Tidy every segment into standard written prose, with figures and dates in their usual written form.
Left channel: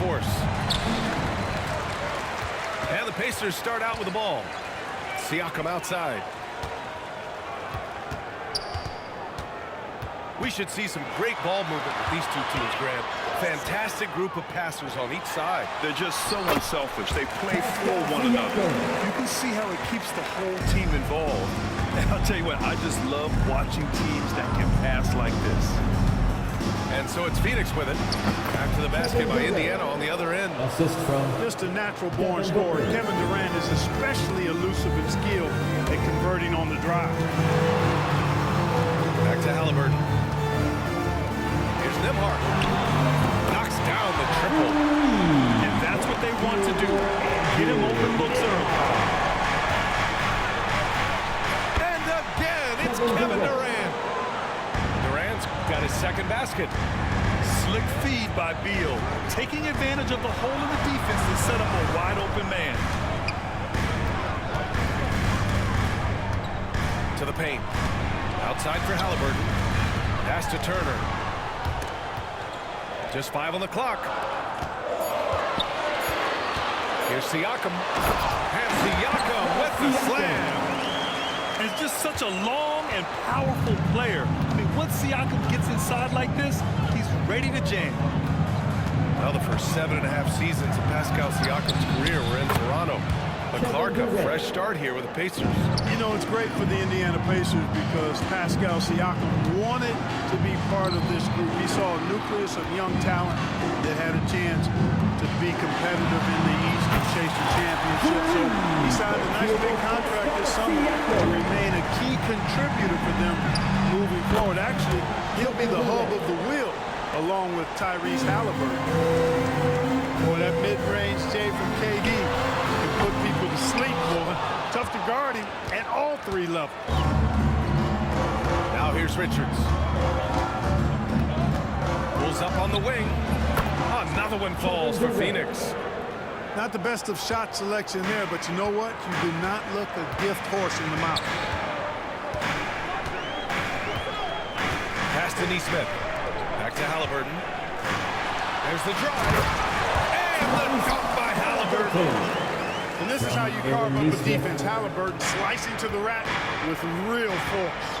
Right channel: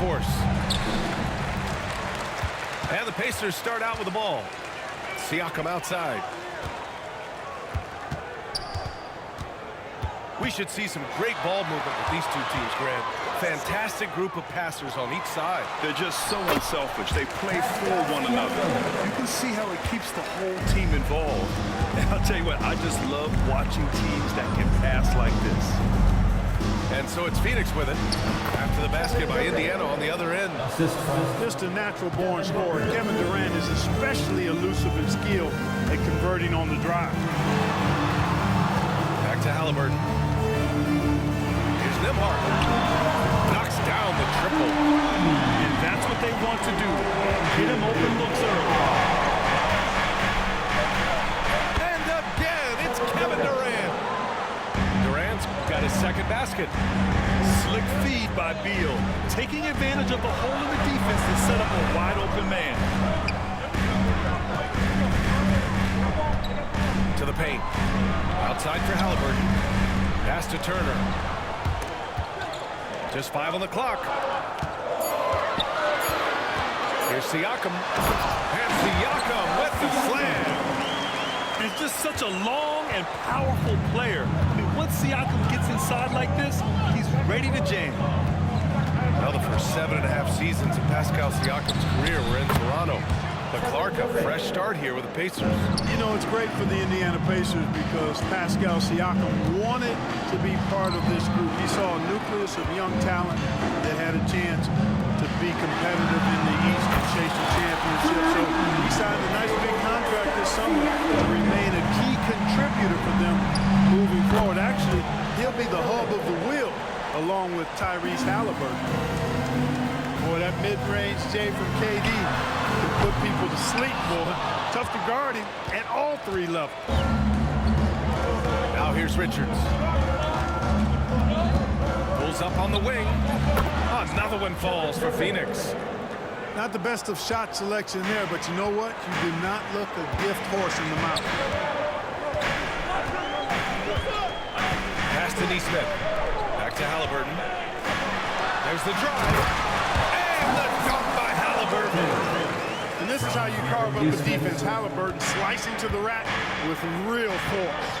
LaForce. And the Pacers start out with the ball. Siakam outside. We should see some great ball movement with these two teams, Grant. Fantastic group of passers on each side. They're just so unselfish. They play for one another. You can see how it keeps the whole team involved. And I'll tell you what, I just love watching teams that can pass like this. And so it's Phoenix with it. After the basket by Indiana on the other end. Assist from just a natural-born scorer. Kevin Durant is especially elusive and skilled at converting on the drive. Back to Halliburton. Here's Nembhard. Knocks down the triple. And that's what they want to do. Get him open looks early. And again, it's Kevin Durant. Durant's got his second basket. Slick feed by Beal. Taking advantage of the hole in the defense to set up a wide open man. To the paint. Outside for Halliburton. Pass to Turner. Just 5 on the clock. Here's Siakam. And Siakam with the slam. And it's just such a long and powerful player. I mean, once Siakam gets inside like this, he's ready to jam. Now the first 7.5 seasons of Pascal Siakam's career were in Toronto. But Clark, a fresh start here with the Pacers. You know, it's great for the Indiana Pacers because Pascal Siakam wanted to be part of this group. He saw a nucleus of young talent that had a chance to be competitive in the East and chase a championship. So he signed a nice big contract this summer to remain a key contributor for them moving forward. Actually, he'll be the hub of the wheel along with Tyrese Halliburton. Boy, that mid-range J from KD can put people to sleep, boy. Tough to guard him at all 3 levels. Now here's Richards. Pulls up on the wing. Another one falls for Phoenix. Not the best of shot selection there, but you know what? You do not look a gift horse in the mouth. Pass to Nesmith. Back to Halliburton. There's the drive. And the dunk by Halliburton. And this is how you carve up a defense. Halliburton slicing to the rack with real force.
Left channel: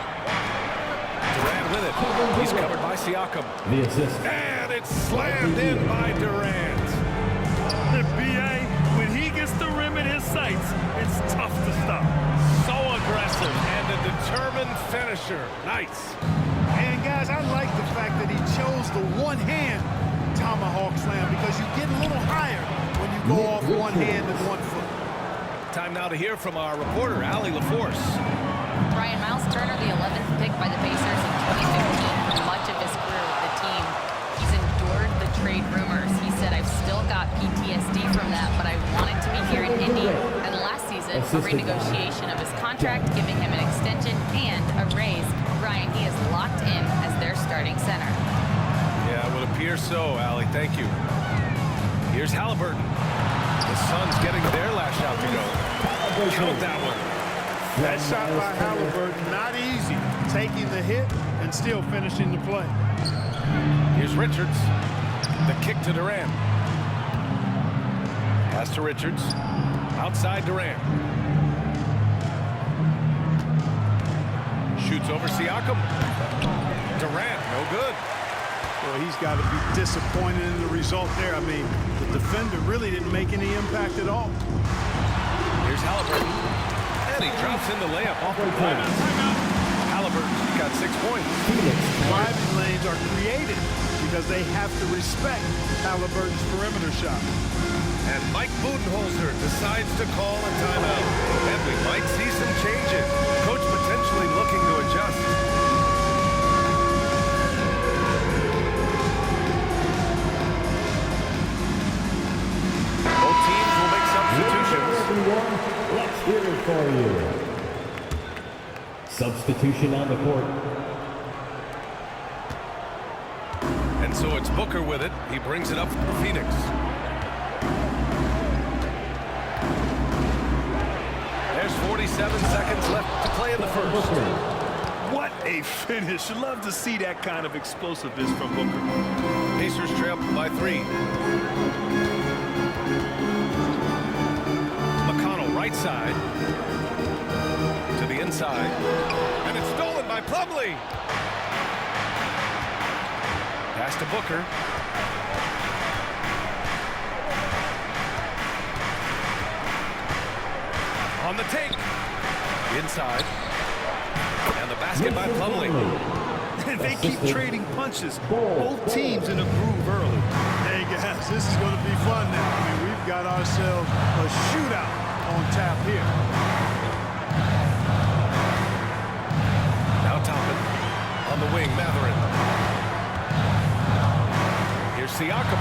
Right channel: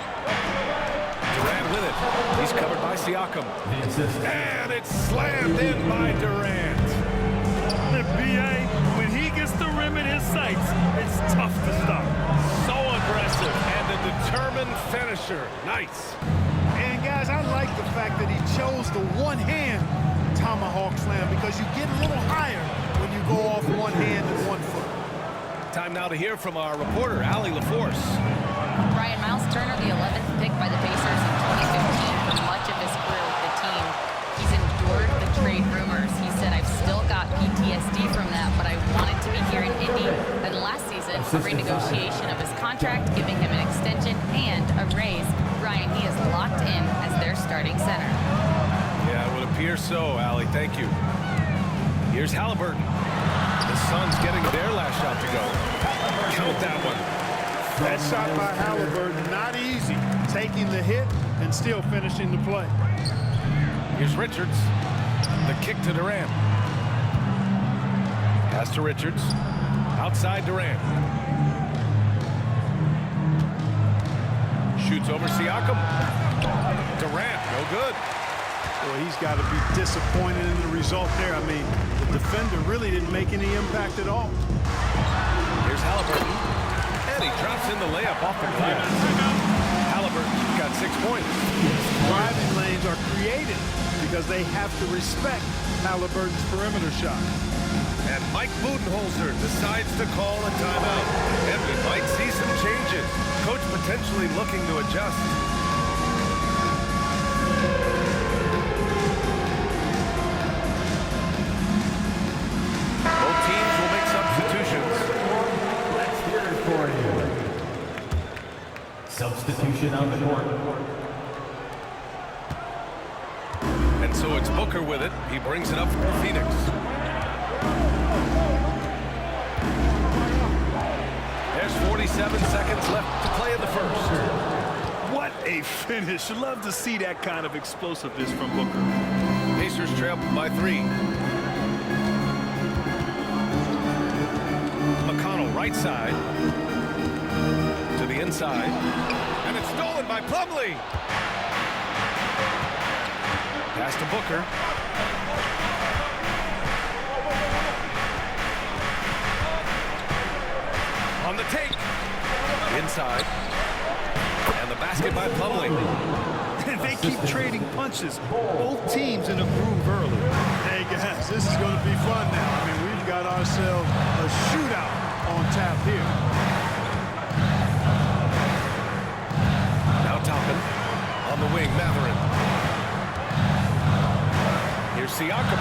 Durant with it. He's covered by Siakam. the assist. And it's slammed in by Durant. The BA, when he gets the rim in his sights, it's tough to stop. So aggressive and a determined finisher. Nice. And guys, I like the fact that he chose the one-hand tomahawk slam because you get a little higher when you go off one hand and 1 foot. Time now to hear from our reporter, Allie LaForce. Brian, Miles Turner, the 11th pick by the Pacers in 2015 for much of his career with the team. He's endured the trade rumors. He said, I've still got PTSD from that, but I wanted to be here in Indy. And last season, a renegotiation of his contract, giving him an extension and a raise. Brian, he is locked in as their starting center. Yeah, it would appear so, Allie. Thank you. Here's Halliburton. The Suns getting their last shot to go. Count that one. That shot by Halliburton, not easy. Taking the hit and still finishing the play. Here's Richards. The kick to Durant. Pass to Richards. Outside Durant. Shoots over Siakam. Durant, no good. Boy, he's got to be disappointed in the result there. I mean, the defender really didn't make any impact at all. Here's Halliburton. And he drops in the layup off the glass. Halliburton's got 6 points. Driving lanes are created because they have to respect Halliburton's perimeter shot. And Mike Budenholzer decides to call a timeout. And we might see some changes. Coach potentially looking to adjust. Both teams will make substitutions. Let's hear it for you. Substitution on the court. And so it's Booker with it. He brings it up for Phoenix. There's 47 seconds left to play in the first. What a finish. Love to see that kind of explosiveness from Booker. Pacers trail by 3. Right side. To the inside. And it's stolen by Plumlee. Pass to Booker. On the take. Inside. And the basket by Plumlee. And they keep trading punches. Both teams in a groove early. Hey, guys, this is going to be fun now. I mean, we've got ourselves a shootout on tap here. Now Toppin. On the wing, Matherin. Here's Siakam.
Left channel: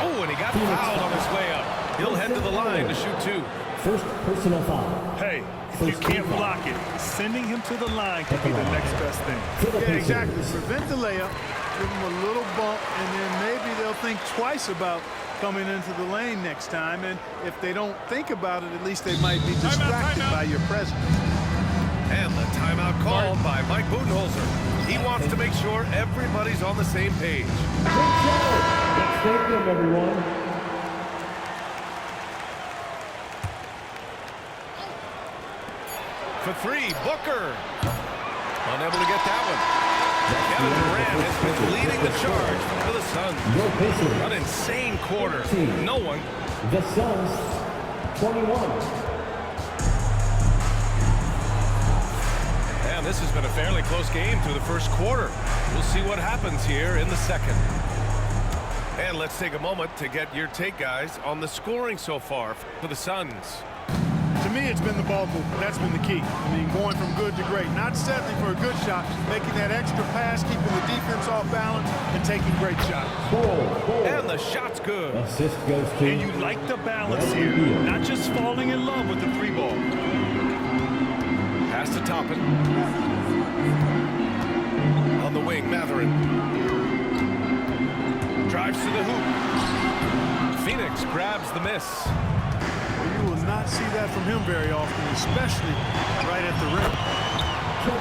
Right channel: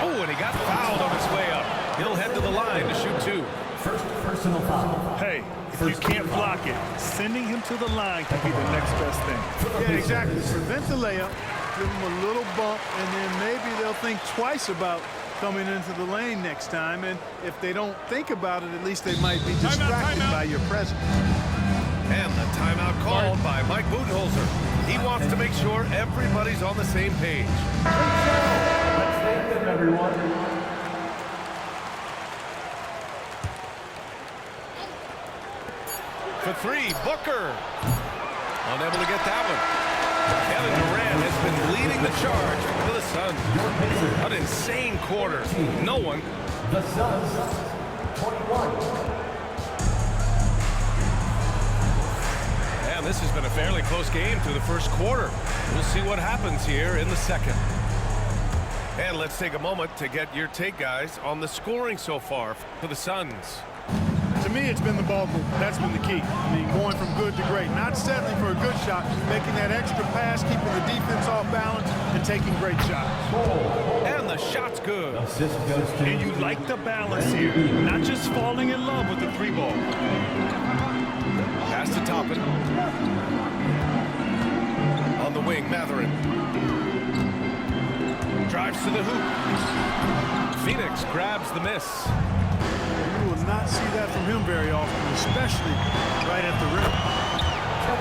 Oh, and he got fouled on his way up. He'll head to the line to shoot 2. First personal foul. Hey, if you can't block it, sending him to the line could be the next best thing. Yeah, exactly. Prevent the layup, give them a little bump, and then maybe they'll think twice about coming into the lane next time. And if they don't think about it, at least they might be distracted by your presence. And the timeout called by Mike Budenholzer. He wants to make sure everybody's on the same page. Let's thank them, everyone. For 3, Booker. Unable to get that one. Kevin Durant has been leading the charge for the Suns. Your Pacers. An insane quarter. No one. The Suns, 21. And this has been a fairly close game through the first quarter. We'll see what happens here in the second. And let's take a moment to get your take, guys, on the scoring so far for the Suns. To me, it's been the ball movement. That's been the key. I mean, going from good to great. Not settling for a good shot, making that extra pass, keeping the defense off balance, and taking great shots. And the shot's good. Assist goes to... And you like the balance here. Not just falling in love with the 3-ball. Pass to Toppin. On the wing, Matherin. Drives to the hoop. Phoenix grabs the miss. Well, you will not see that from him very often, especially right at the rim.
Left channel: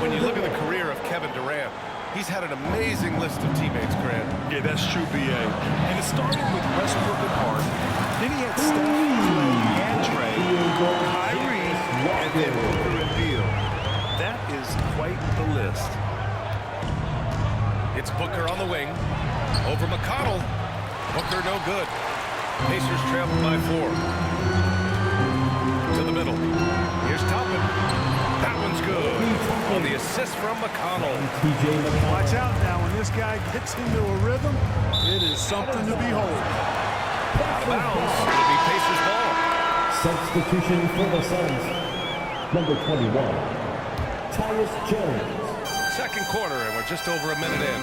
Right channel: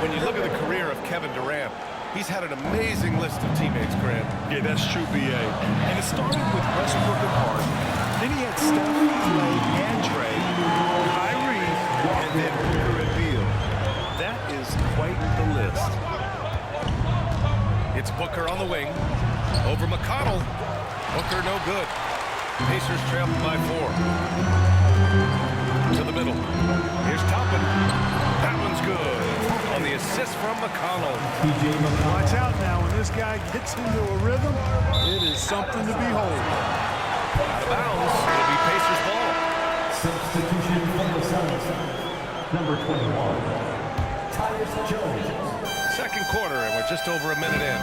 When you look at the career of Kevin Durant, he's had an amazing list of teammates, Grant. Yeah, that's true, B.A. And it started with Westbrook and Harden. Then he had Steph, Clay, and Trey, Kyrie, and then Booker and Beal. That is quite the list. It's Booker on the wing. Over McConnell. Booker no good. Pacers trail by 4. To the middle. Here's Toppin. That one's good. On the assist from McConnell. Watch out now. When this guy gets into a rhythm, it is something to behold. Out of bounds. It'll be Pacers ball. Substitution for the Suns. Number 21, Tyus Jones. Second quarter, and we're just over a minute in.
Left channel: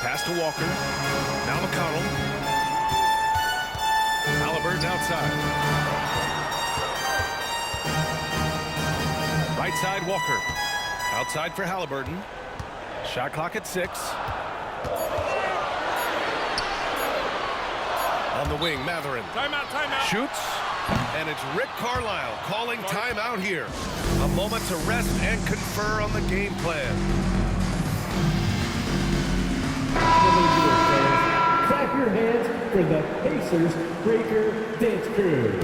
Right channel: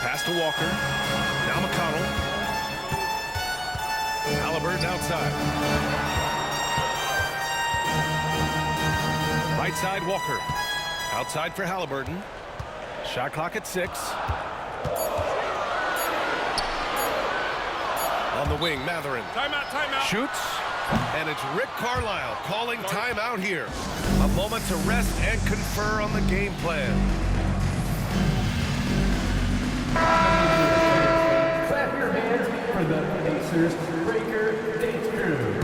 Pass to Walker. Now McConnell. Halliburton outside. Right side, Walker. Outside for Halliburton. Shot clock at 6. On the wing, Matherin. Timeout, timeout. Shoots. And it's Rick Carlisle calling timeout here. A moment to rest and confer on the game plan. Clap your hands for the Pacers Breaker Dance Crew.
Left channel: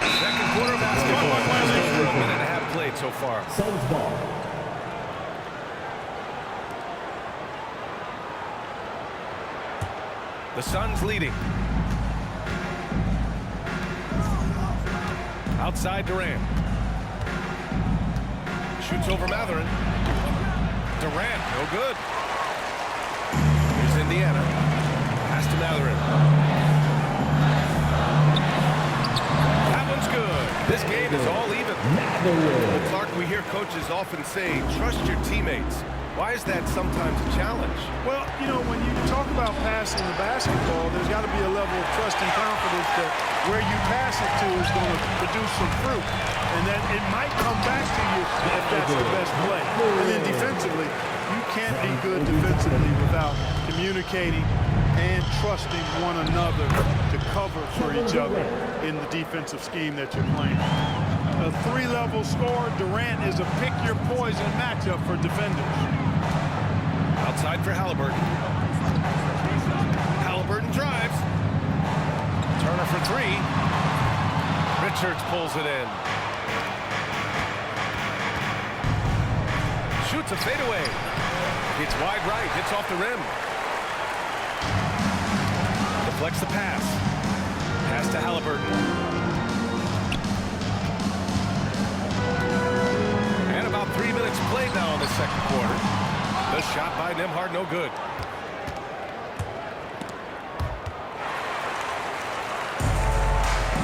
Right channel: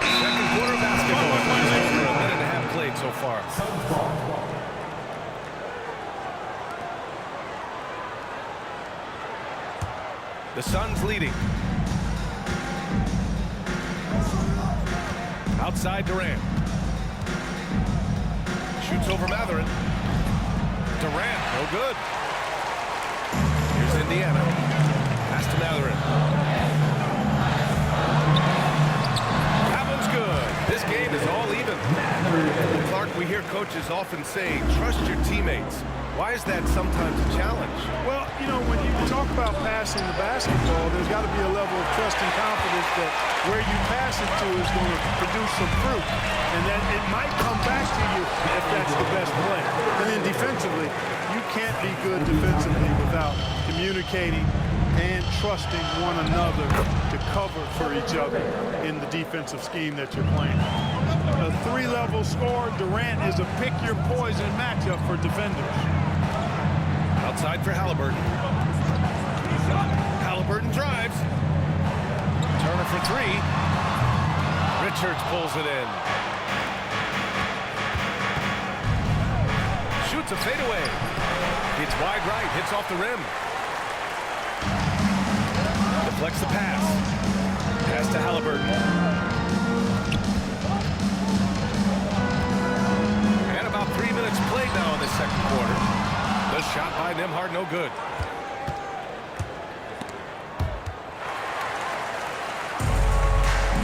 Second quarter basketball. Just over a minute and a half played so far. Suns ball. The Suns leading. Outside Durant. Shoots over Matherin. Durant, no good. Here's Indiana. Pass to Matherin. That one's good. This game is all even. Well, Clark, we hear coaches often say, trust your teammates. Why is that sometimes a challenge? Well, you know, when you talk about passing the basketball, there's got to be a level of trust and confidence that where you pass it to is going to produce some fruit, and that it might come back to you if that's the best play. And then defensively, you can't be good defensively without communicating and trusting one another to cover for each other in the defensive scheme that you're playing. A 3-level score, Durant is a pick-your-poison matchup for defenders. Outside for Halliburton. Halliburton drives. Turner for three. Richards pulls it in. Shoots a fadeaway. Hits wide right, hits off the rim. Deflects the pass. Pass to Halliburton. And about 3 minutes played now in the second quarter. The shot by Nembhard, no good.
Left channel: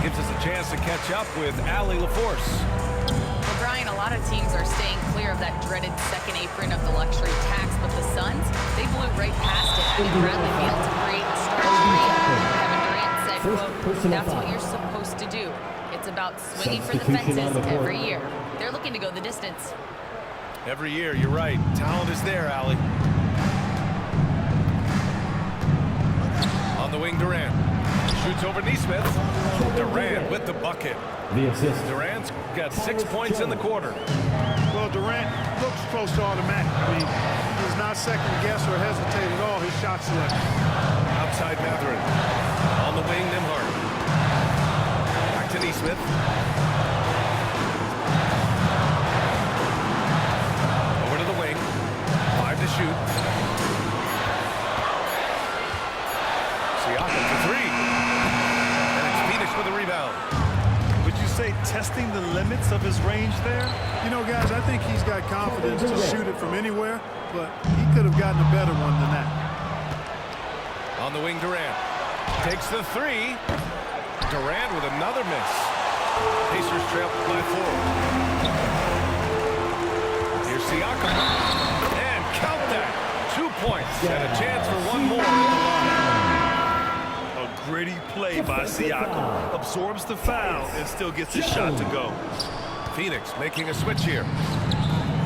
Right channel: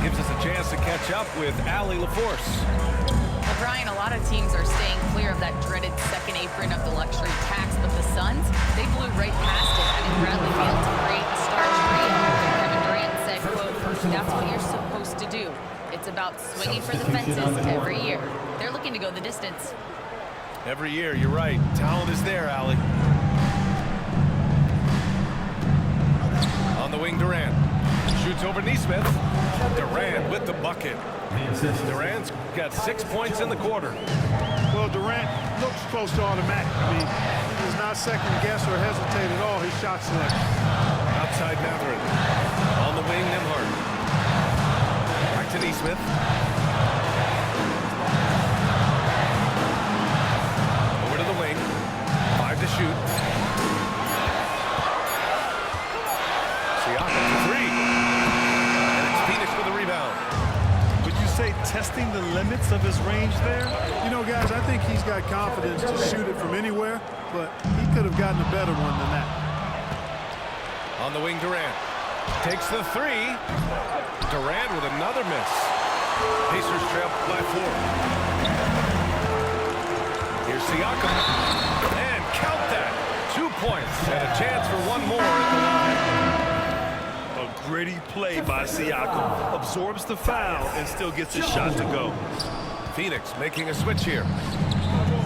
Gives us a chance to catch up with Allie LaForce. Well, Brian, a lot of teams are staying clear of that dreaded second apron of the luxury tax, but the Suns, they blew right past it. I mean, Bradley failed to create a star trio. Kevin Durant said, quote, "That's what you're supposed to do. It's about swinging for the fences every year." They're looking to go the distance. Every year, you're right. Talent is there, Allie. On the wing, Durant. Shoots over Nesmith. Durant with the bucket. The assist. Durant's got 6 points in the quarter. Well, Durant looks close to automatic. I mean, he does not second guess or hesitate at all his shot selection. Outside Matherin. On the wing, Nembhard. Back to Nesmith. Over to the wing. 5 to shoot. Siakam for three. And it's Phoenix with a rebound. Would you say testing the limits of his range there? You know, guys, I think he's got confidence to shoot it from anywhere, but he could have gotten a better one than that. On the wing, Durant. Takes the three. Durant with another miss. Pacers trail by 4. Here's Siakam. And count that. 2 points and a chance for one more at the line. A gritty play by Siakam. Absorbs the foul and still gets his shot to go. Phoenix making a switch here.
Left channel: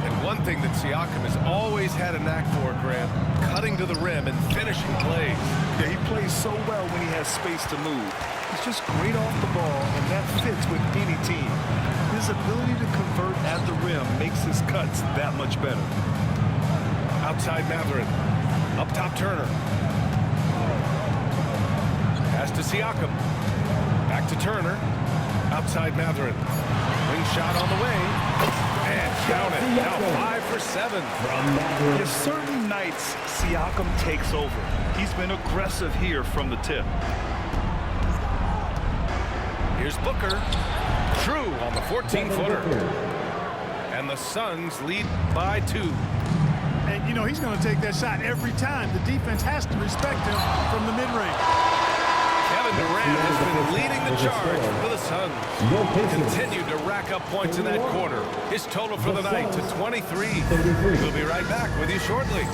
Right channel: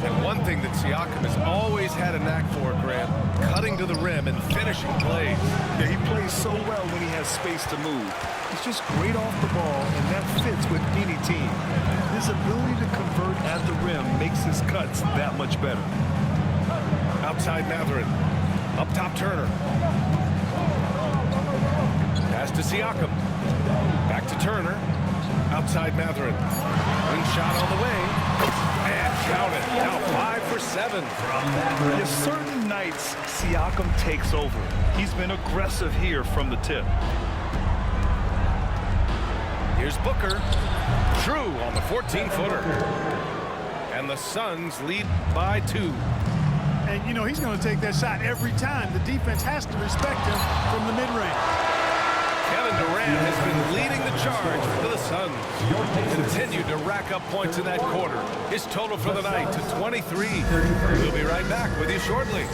And one thing that Siakam has always had a knack for, Grant, cutting to the rim and finishing plays. Yeah, he plays so well when he has space to move. He's just great off the ball, and that fits with any team. His ability to convert at the rim makes his cuts that much better. Outside Matherin. Up top Turner. Pass to Siakam. Back to Turner. Outside Matherin. Wing shot on the way. And count it. Now 5 for 7. From Matherin. Yes, certain nights, Siakam takes over. He's been aggressive here from the tip. Here's Booker. True on the 14-footer. And the Suns lead by 2. And, you know, he's going to take that shot every time. The defense has to respect him from the mid-range. Kevin Durant has been leading the charge for the Suns. Continued to rack up points in that quarter. His total for the night to 23. We'll be right back with you shortly.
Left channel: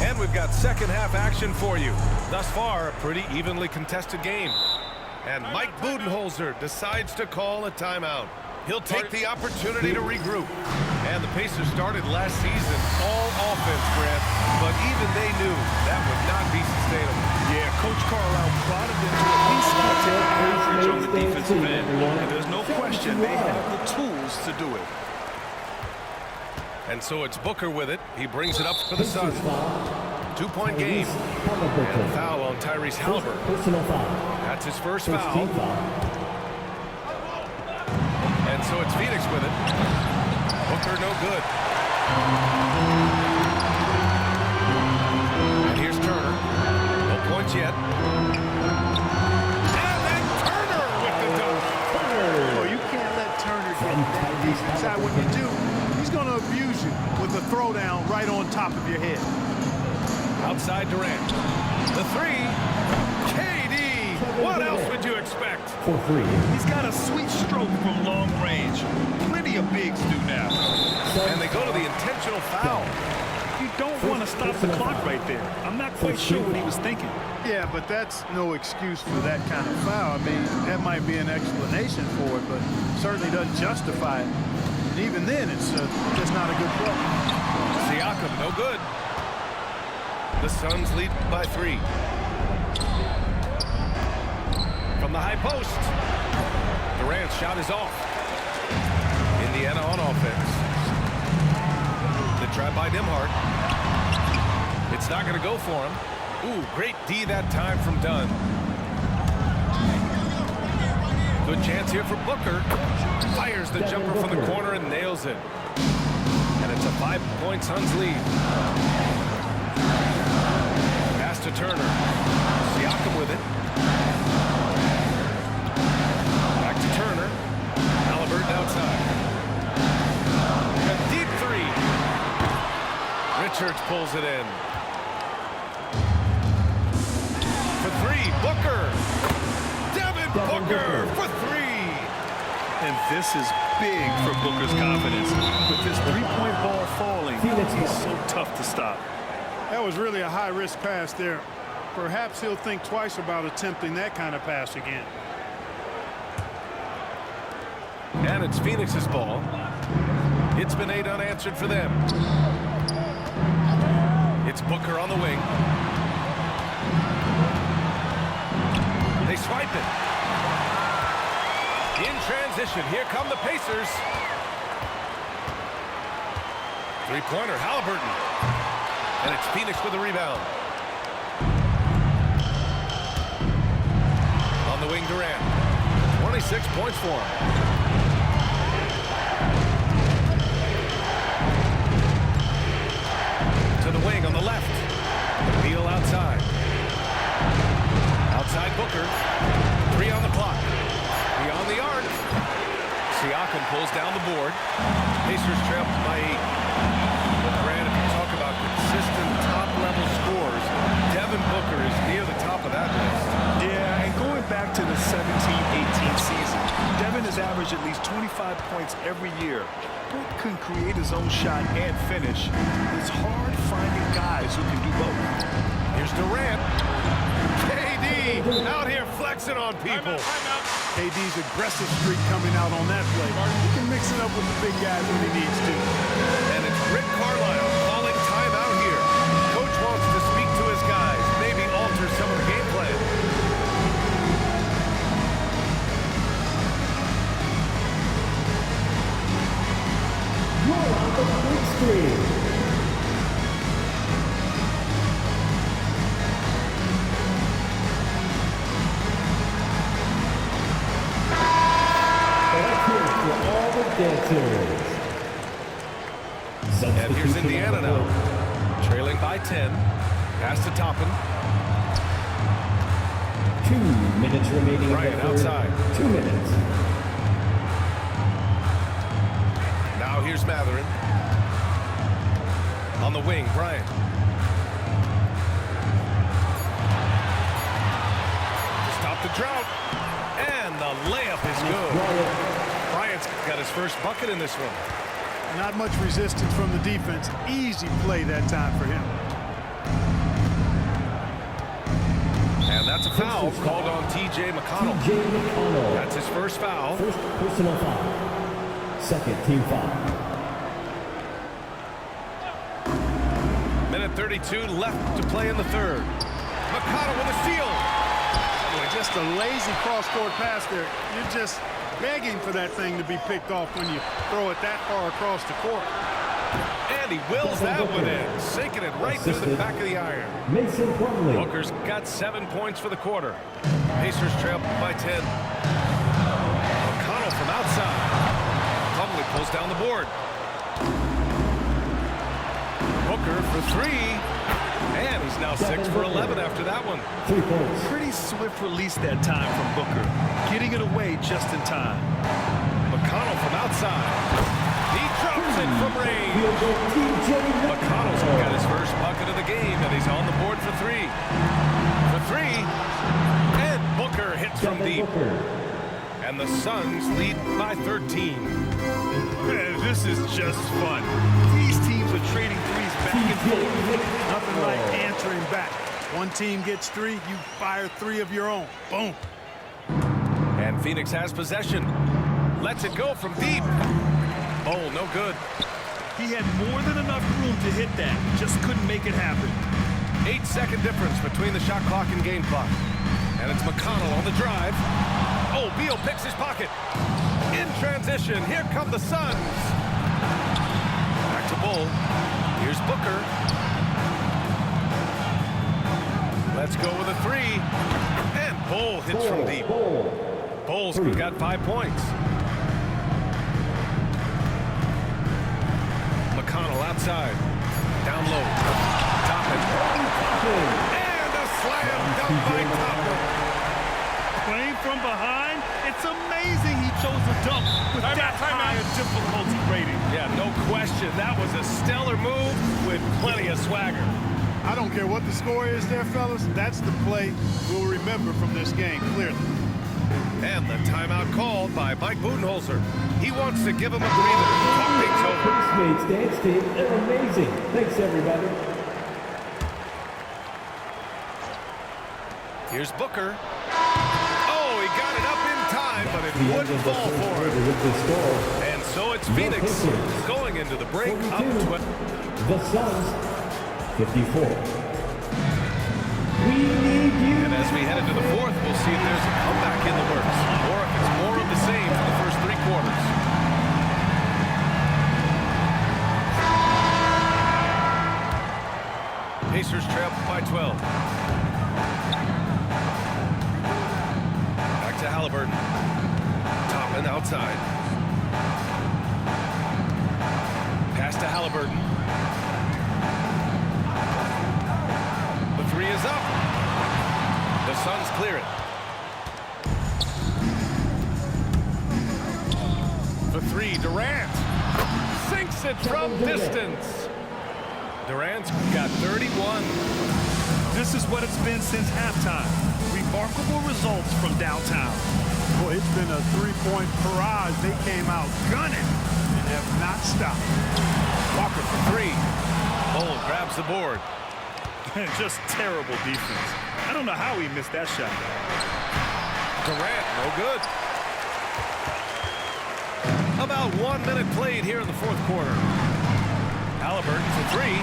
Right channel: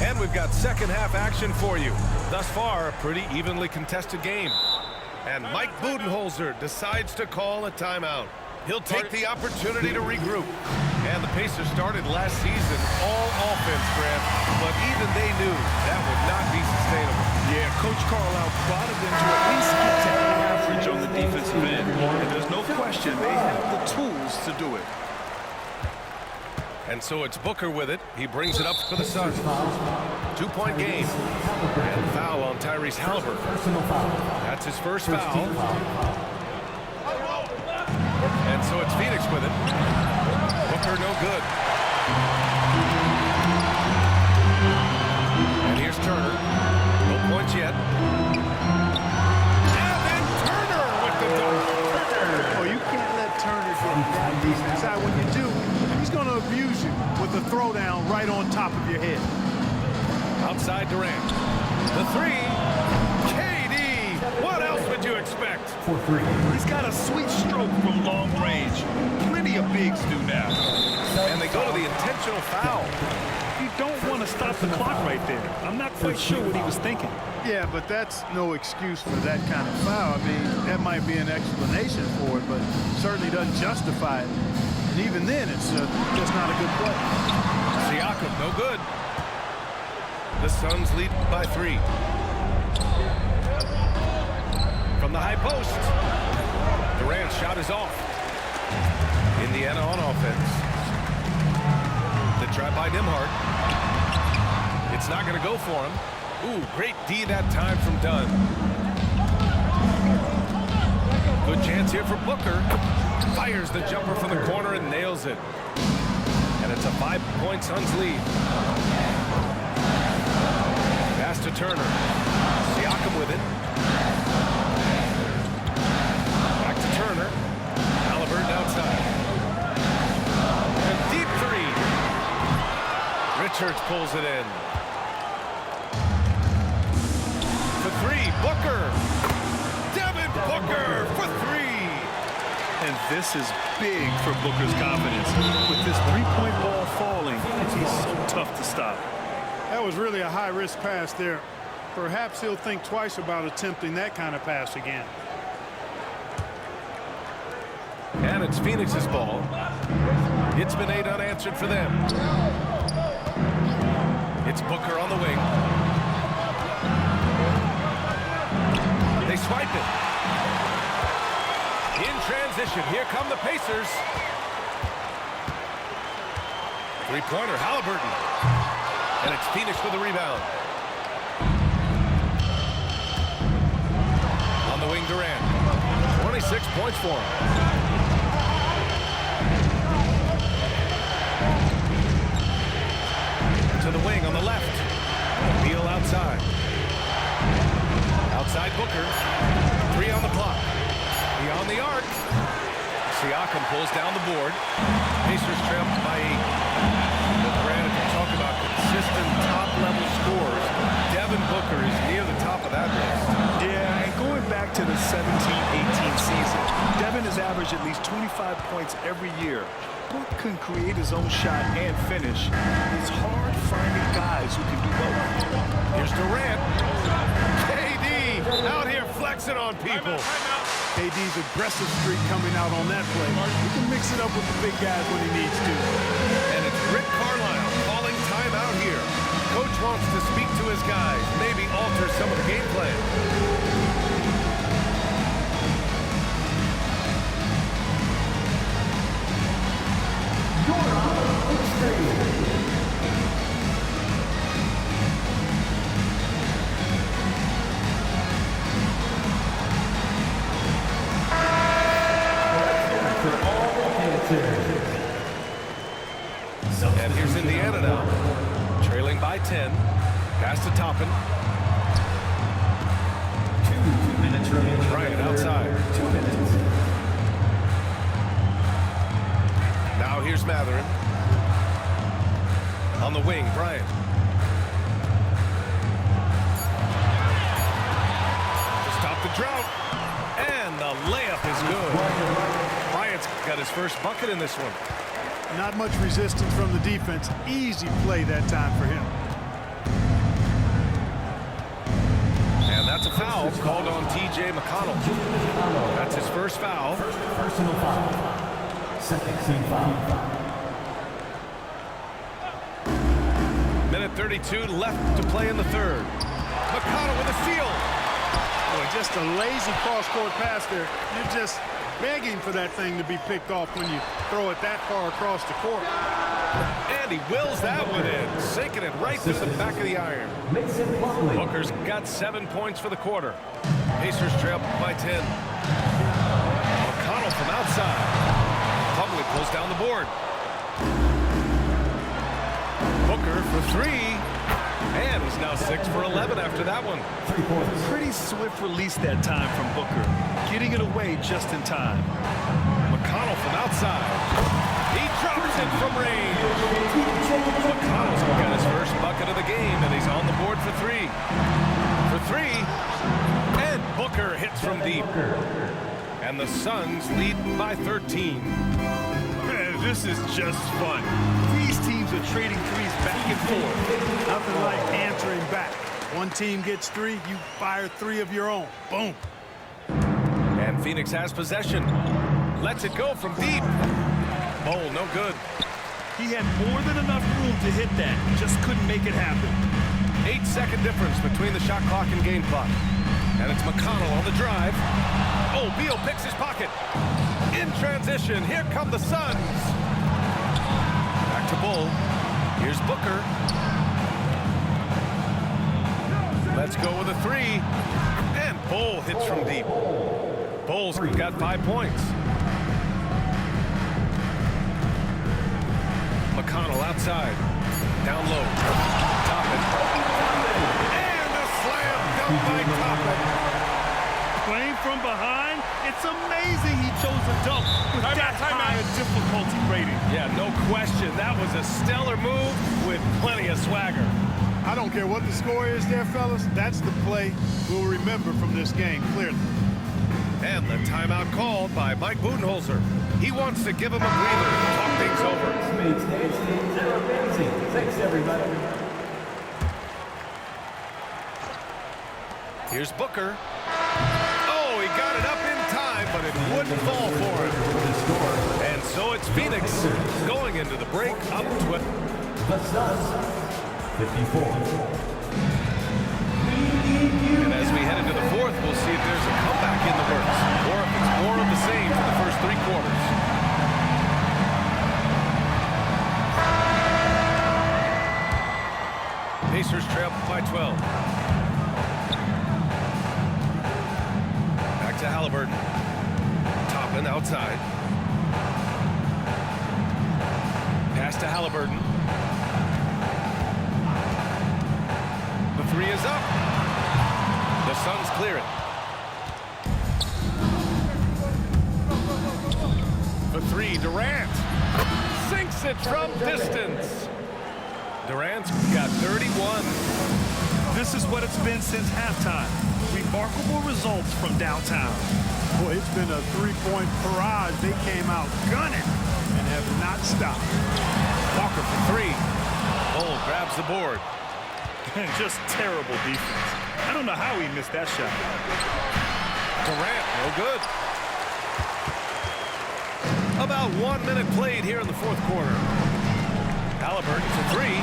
And we've got second half action for you. Thus far, a pretty evenly contested game. And Mike Budenholzer decides to call a timeout. He'll take the opportunity to regroup. And the Pacers started last season all offense, Grant, but even they knew that would not be sustainable. Yeah, Coach Carlisle prodded them to at least get to average on the defensive end. And there's no question they have the tools to do it. And so it's Booker with it. He brings it up for the Suns. 2-point game. And the foul on Tyrese Halliburton. Personal foul. That's his first foul. And so it's Phoenix with it. Booker no good. And here's Turner. No points yet. And then Turner with the dunk. Oh, you can't let Turner get that deep inside. When you do, he's going to abuse you with a throwdown right on top of your head. Outside Durant. The three. KD. What else would you expect? For 3. He's got a sweet stroke from long range. Plenty of bigs do now. And they go to the intentional foul. You don't want to stop the clock right there. I'm not quite sure what he was thinking. Yeah, but that's no excuse for that kind of foul. I mean, that might be an explanation for it, but certainly doesn't justify it. And even then, it's just not a good play. Siakam, no good. The Suns lead by 3. From the high post. Durant's shot is off. Indiana on offense. The drive by Nembhard. It's not going to go for him. Ooh, great D that time from Dunn. Good chance here for Booker. Fires the jumper from the corner and nails it. And it's a 5-point Suns lead. Pass to Turner. Siakam with it. Back to Turner. Halliburton outside. A deep three. Richards pulls it in. For three, Booker. Devin Booker for three. And this is big for Booker's confidence. With this three-point ball falling, he's so tough to stop. That was really a high-risk pass there. Perhaps he'll think twice about attempting that kind of pass again. And it's Phoenix's ball. It's been 8 unanswered for them. It's Booker on the wing. They swipe it. In transition, here come the Pacers. Three-pointer, Halliburton. And it's Phoenix with the rebound. On the wing, Durant. 26 points for him. To the wing on the left. Beal outside. Outside Booker. 3 on the clock. Beyond the arc. Siakam pulls down the board. Pacers trail by 8. But Grant, if you talk about consistent top-level scores, Devin Booker is near the top of that list. Yeah, and going back to the 17-18 season, Devin has averaged at least 25 points every year. Book can create his own shot and finish. It's hard finding guys who can do both. Here's Durant. KD out here flexing on people. KD's aggressive streak coming out on that play. He can mix it up with the big guys when he needs to. And it's Rick Carlisle calling timeout here. Coach wants to speak to his guys, maybe alter some of the game plan. You're on the big screen. And here's Indiana now, trailing by 10. Pass to Toppin. 2 minutes remaining. Bryant outside. 2 minutes. Now here's Matherin. On the wing, Bryant. To stop the drought. And the layup is good. Bryant's got his first bucket in this one. Not much resistance from the defense. Easy play that time for him. And that's a foul called on T.J. McConnell. That's his first foul. First personal foul. Second team foul. Minute 32 left to play in the third. McConnell with a steal. Boy, just a lazy cross-court pass there. You're just begging for that thing to be picked off when you throw it that far across the court. And he wills that one in, sinking it right through the back of the iron. Mason Plumlee. Booker's got 7 points for the quarter. Pacers trail by 10. McConnell from outside. Plumlee pulls down the board. Booker for 3. And he's now 6 for 11 after that one. 3 points. Pretty swift release that time from Booker, getting it away just in time. McConnell from outside. He drops it from range. McConnell's got his first bucket of the game, and he's on the board for 3. For 3. And Booker hits from deep. And the Suns lead by 13. Man, this is just fun. These teams are trading threes back and forth. Nothing like answering back. One team gets 3, you fire 3 of your own. Boom. And Phoenix has possession. Lets it go from deep. Bowl, no good. He had more than enough room to hit that. Just couldn't make it happen. 8-second difference between the shot clock and game clock. And it's McConnell on the drive. Oh, Beal picks his pocket. In transition, here come the Suns. Back to Bull. Here's Booker. Let's go with a three. And Bull hits from deep. Bull's got 5 points. McConnell outside. Down low. Toppin. And a slam dunk by Toppin. Playing from behind, it's amazing he chose a dunk with that high a difficulty rating. Yeah, no question. That was a stellar move with plenty of swagger. I don't care what the score is there, fellas. That's the play we'll remember from this game, clearly. And the timeout called by Mike Budenholzer. He wants to give him a breather and talk things over. Postmates dance team, they're amazing. Thanks, everybody. Here's Booker. Oh, he got it up in time, but it wouldn't fall for him. With the score, And so it's Phoenix going into the break up 12. the Suns, 54. We need you. And as we head into the fourth, we'll see if there's a comeback in the works or if it's more of the same for the first 3 quarters. Pacers trail by 12. Back to Halliburton. Toppin outside. Pass to Halliburton. The three is up. The Suns clear it. For three, Durant. Sinks it from distance. Durant's got 31. This is what it's been since halftime. Remarkable results from downtown. Boy, it's been a three-point barrage. They came out gunning and have not stopped. Walker for three. Bull grabs the board. Just terrible defense. I don't know how he missed that shot. Durant, no good. About 1 minute played here in the fourth quarter. Halliburton for three.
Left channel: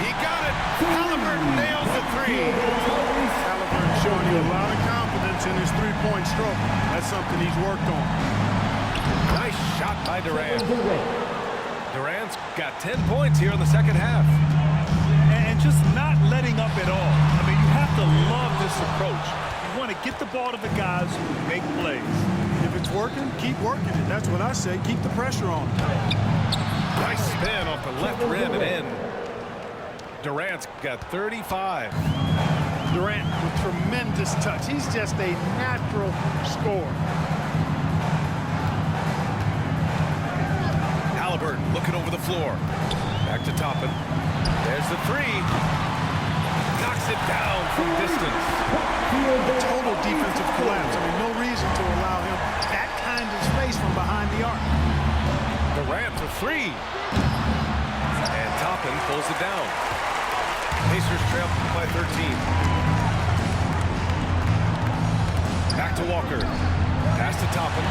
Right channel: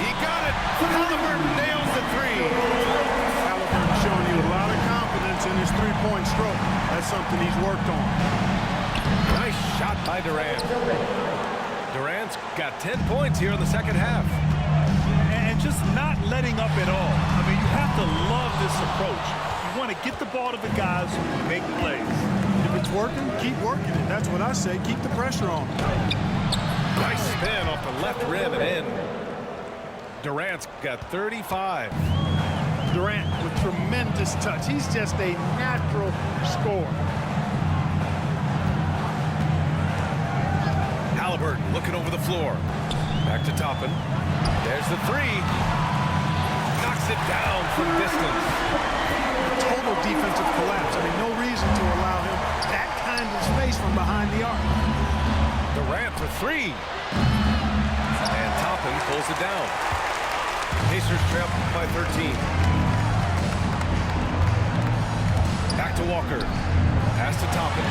He got it. Halliburton nails the three. Halliburton showing you a lot of confidence in his three-point stroke. That's something he's worked on. Nice shot by Durant. Durant's got 10 points here in the second half. And just not letting up at all. I mean, you have to love this approach. You want to get the ball to the guys who make plays. If it's working, keep working it. That's what I say. Keep the pressure on him. Nice spin off the left rim and in. Durant's got 35. Durant with tremendous touch. He's just a natural scorer. Halliburton looking over the floor. Back to Toppin. There's the three. Knocks it down from distance. A total defensive collapse. I mean, no reason to allow him that kind of space from behind the arc. Durant for three. And Toppin pulls it down. Pacers trail by 13. Back to Walker. Pass to Toppin.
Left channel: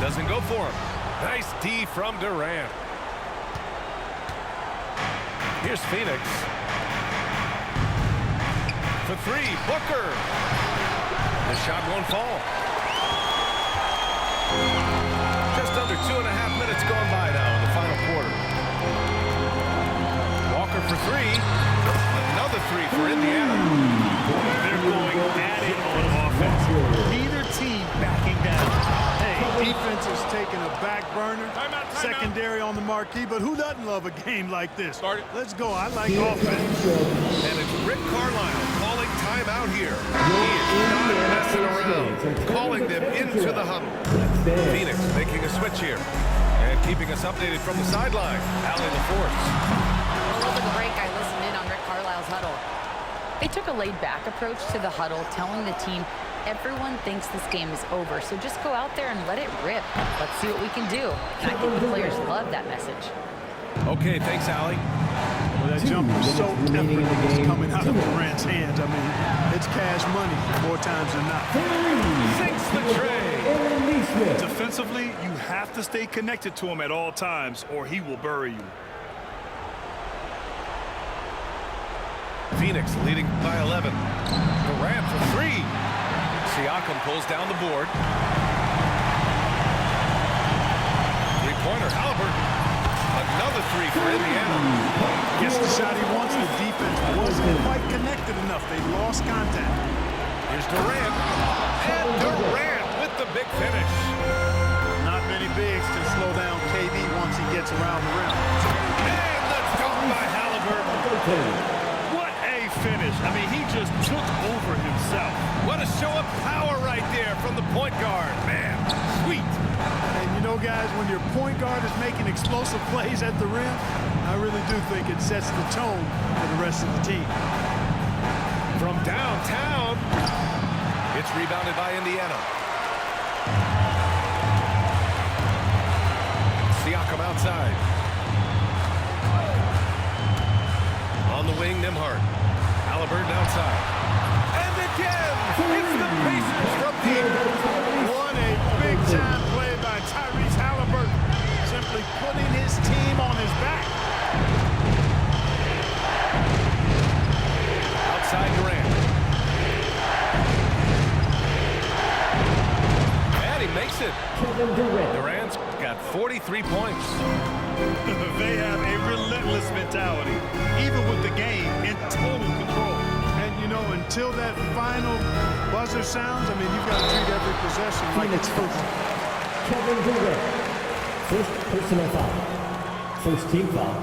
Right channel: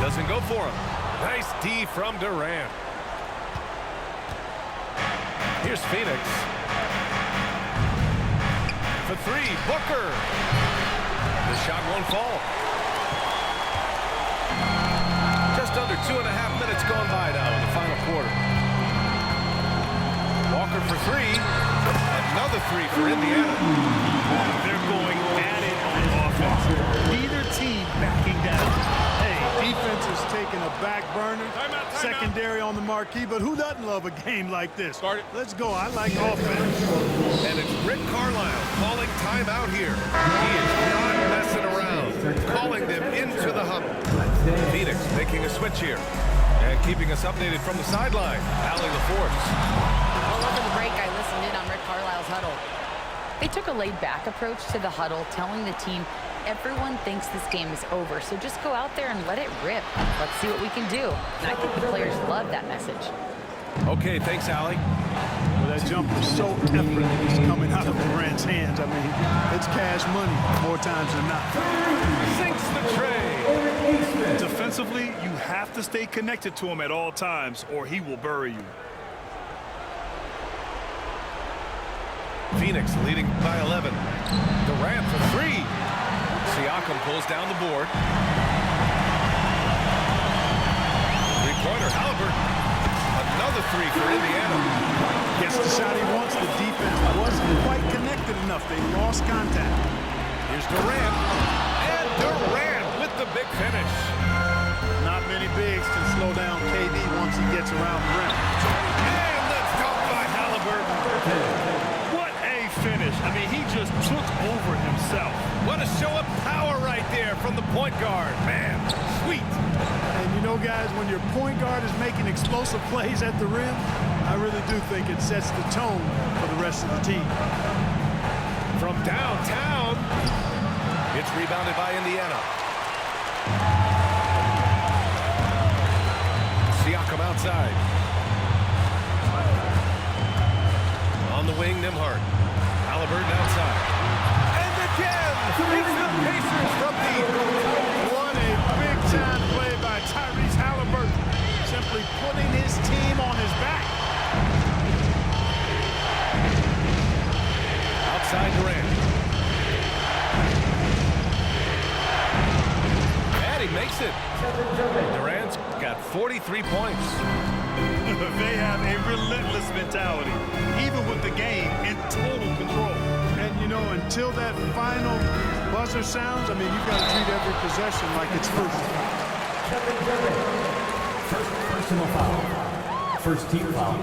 Doesn't go for him. Nice D from Durant. Here's Phoenix. For three, Booker. The shot won't fall. Just under 2.5 minutes gone by now in the final quarter. Walker for three. Another three for Indiana. They're going at it on offense. Neither team backing down. Hey, defense is taking a back burner. Timeout. Secondary on the marquee, but who doesn't love a game like this? Start it. Let's go. I like offense. And it's Rick Carlisle calling timeout here. He is not messing around. Calling them into the huddle. Phoenix making a switch here. And keeping us updated from the sideline, Allie LaForce. Well, over the break, I listened in on Rick Carlisle's huddle. They took a laid-back approach to the huddle, telling the team everyone thinks this game is over, so just go out there and let it rip. Let's see what we can do. And I think the players love that message. Okay, thanks, Allie. Well, that jumper is so effortless coming out of Durant's hands. I mean, it's cash money more times than not. Sinks the tray. Defensively, you have to stay connected to him at all times, or he will bury you. Phoenix leading by 11. Durant for three. Siakam pulls down the board. Three-pointer, Halliburton. Another three for Indiana. Gets the shot he wants. The defense wasn't quite connected enough. They lost contact. Here's Durant. And Durant with the big finish. Not many bigs can slow down KD once he gets around the rim. And the dunk by Halliburton. What a finish. I mean, he just took over himself. What a show of power right there from the point guard. Man, sweet. And you know, guys, when your point guard is making explosive plays at the rim, I really do think it sets the tone for the rest of the team. From downtown, it's rebounded by Indiana. Siakam outside. On the wing, Nembhard. Halliburton outside. And again, it's the Pacers from deep. What a big-time play by Tyrese Halliburton. Simply putting his team on his back. Outside Durant. And he makes it. Durant's got 43 points. They have a relentless mentality, even with the game in total control. And, you know, until that final buzzer sounds, I mean, you've got to treat every possession like it's crucial. Kevin Durant. First personal foul. First team foul.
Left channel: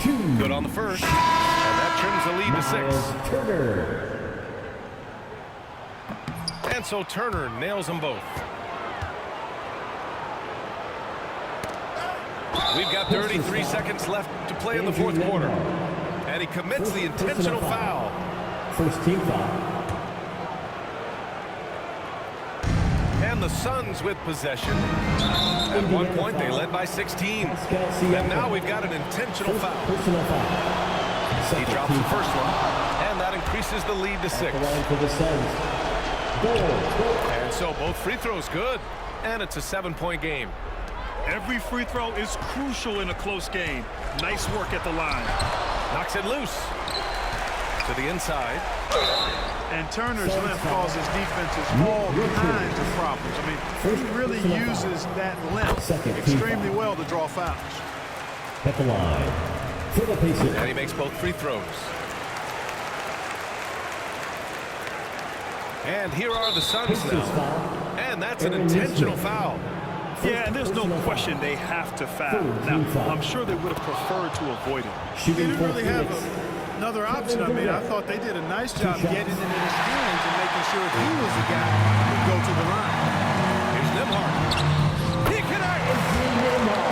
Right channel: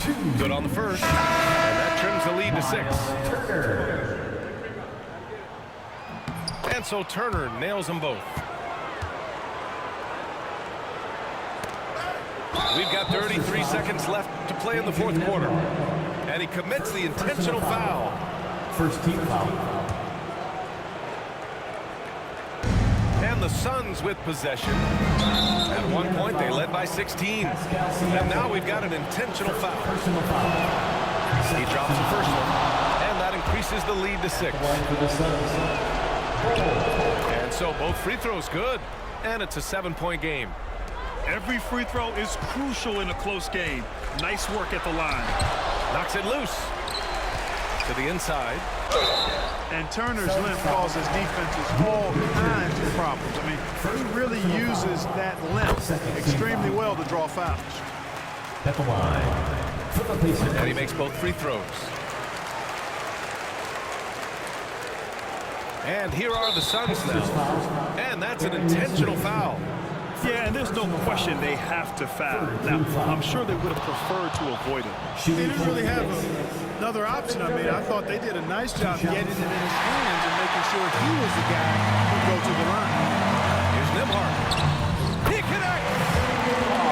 2. Good on the first. And that trims the lead to 6. Turner. And so Turner nails them both. We've got 33 seconds left to play in the fourth quarter. And he commits the intentional foul. First team foul. And the Suns with possession. At one point, they led by 16. And now we've got an intentional foul. Personal foul. He drops the first one. And that increases the lead to 6. Line for the Suns. And so both free throws good. And it's a 7-point game. Every free throw is crucial in a close game. Nice work at the line. Knocks it loose. To the inside. And Turner's length causes defenses all kinds of problems. I mean, he really uses that length extremely well to draw fouls. At the line for the Pacers. And he makes both free throws. And here are the Suns now. And that's an intentional foul. Yeah, and there's no question they have to foul. Now, I'm sure they would have preferred to avoid it. They didn't really have another option. I mean, I thought they did a nice job getting it in his hands and making sure he was the guy who'd go to the line. Here's Nembhard. He connects!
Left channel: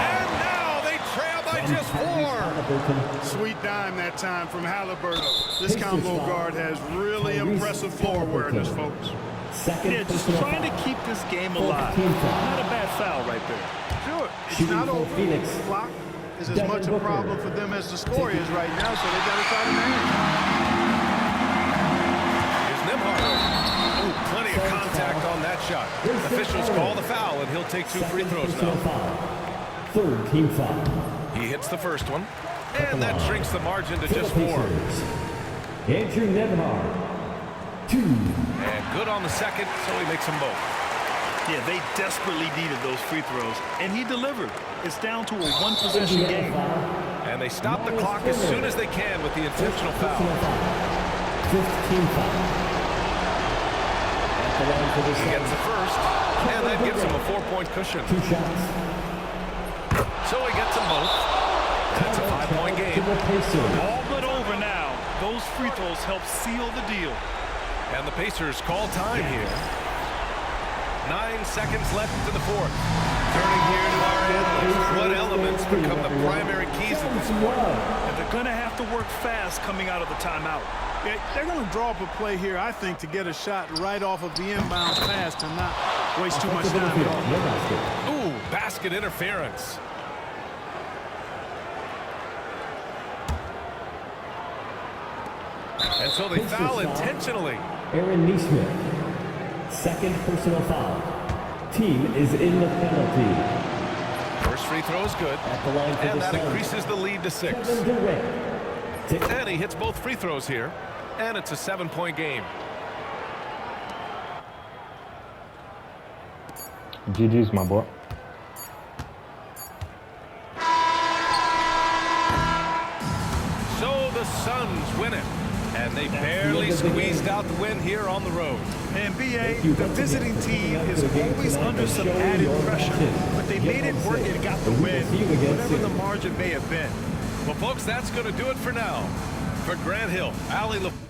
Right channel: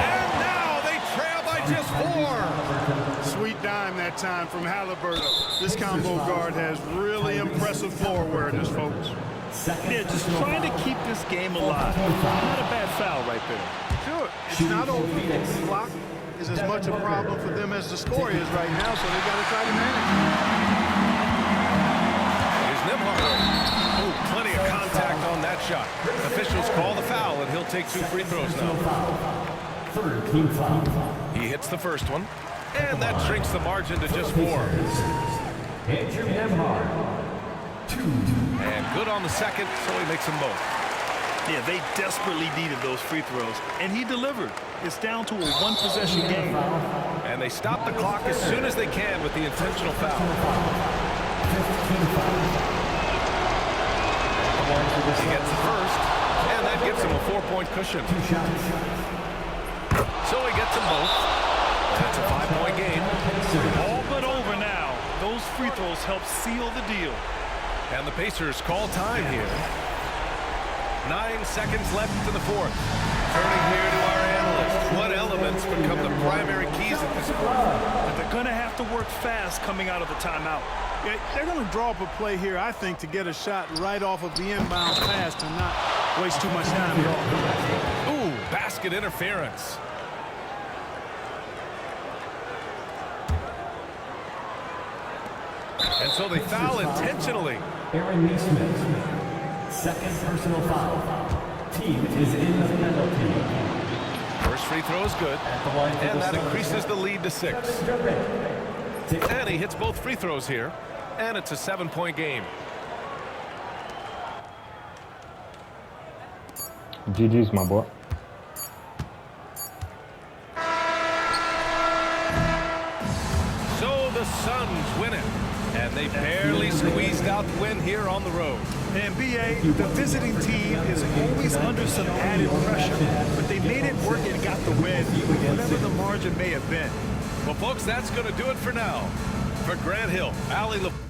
And now they trail by just 4. Sweet dime that time from Halliburton. This combo guard has really impressive floor awareness, folks. Yeah, just trying to keep this game alive. Not a bad foul right there. Sure, it's not over. The clock is as much a problem for them as the score is right now, so they've got to try to manage it. Here's Nembhard. Oh, plenty of contact on that shot. Officials call the foul, and he'll take 2 free throws now. Third team foul. He hits the first one, and that shrinks the margin to just 4. Andrew Nembhard. 2. And good on the second, so he makes them both. Yeah, they desperately needed those free throws, and he delivered. It's down to a 1-possession game. And they stop the clock as soon as they can with the intentional foul. 15 foul. He gets the first, and that gives him a 4-point cushion. 2 shots. So he gets them both. That's a 5-point game. All but over now. Those free throws help seal the deal. And the Pacers call time here. 9 seconds left in the fourth. Turning here to our analyst. What elements become the primary keys at this point? And they're going to have to work fast coming out of the timeout. Yeah, they're going to draw up a play here, I think, to get a shot right off of the inbounds pass to not waste too much time at all. Ooh, basket interference. And so they foul intentionally. Aaron Neesmith. Second personal foul. Team is in the penalty. First free throw is good. And that increases the lead to 6. And he hits both free throws here. And it's a 7-point game. GG's, my boy. the Suns win it. And they barely squeezed out the win here on the road. And B.A., the visiting team is always under some added pressure, but they made it work and got the win, whatever the margin may have been. Well, folks, that's going to do it for now. For Grant Hill, Allie LeBlanc.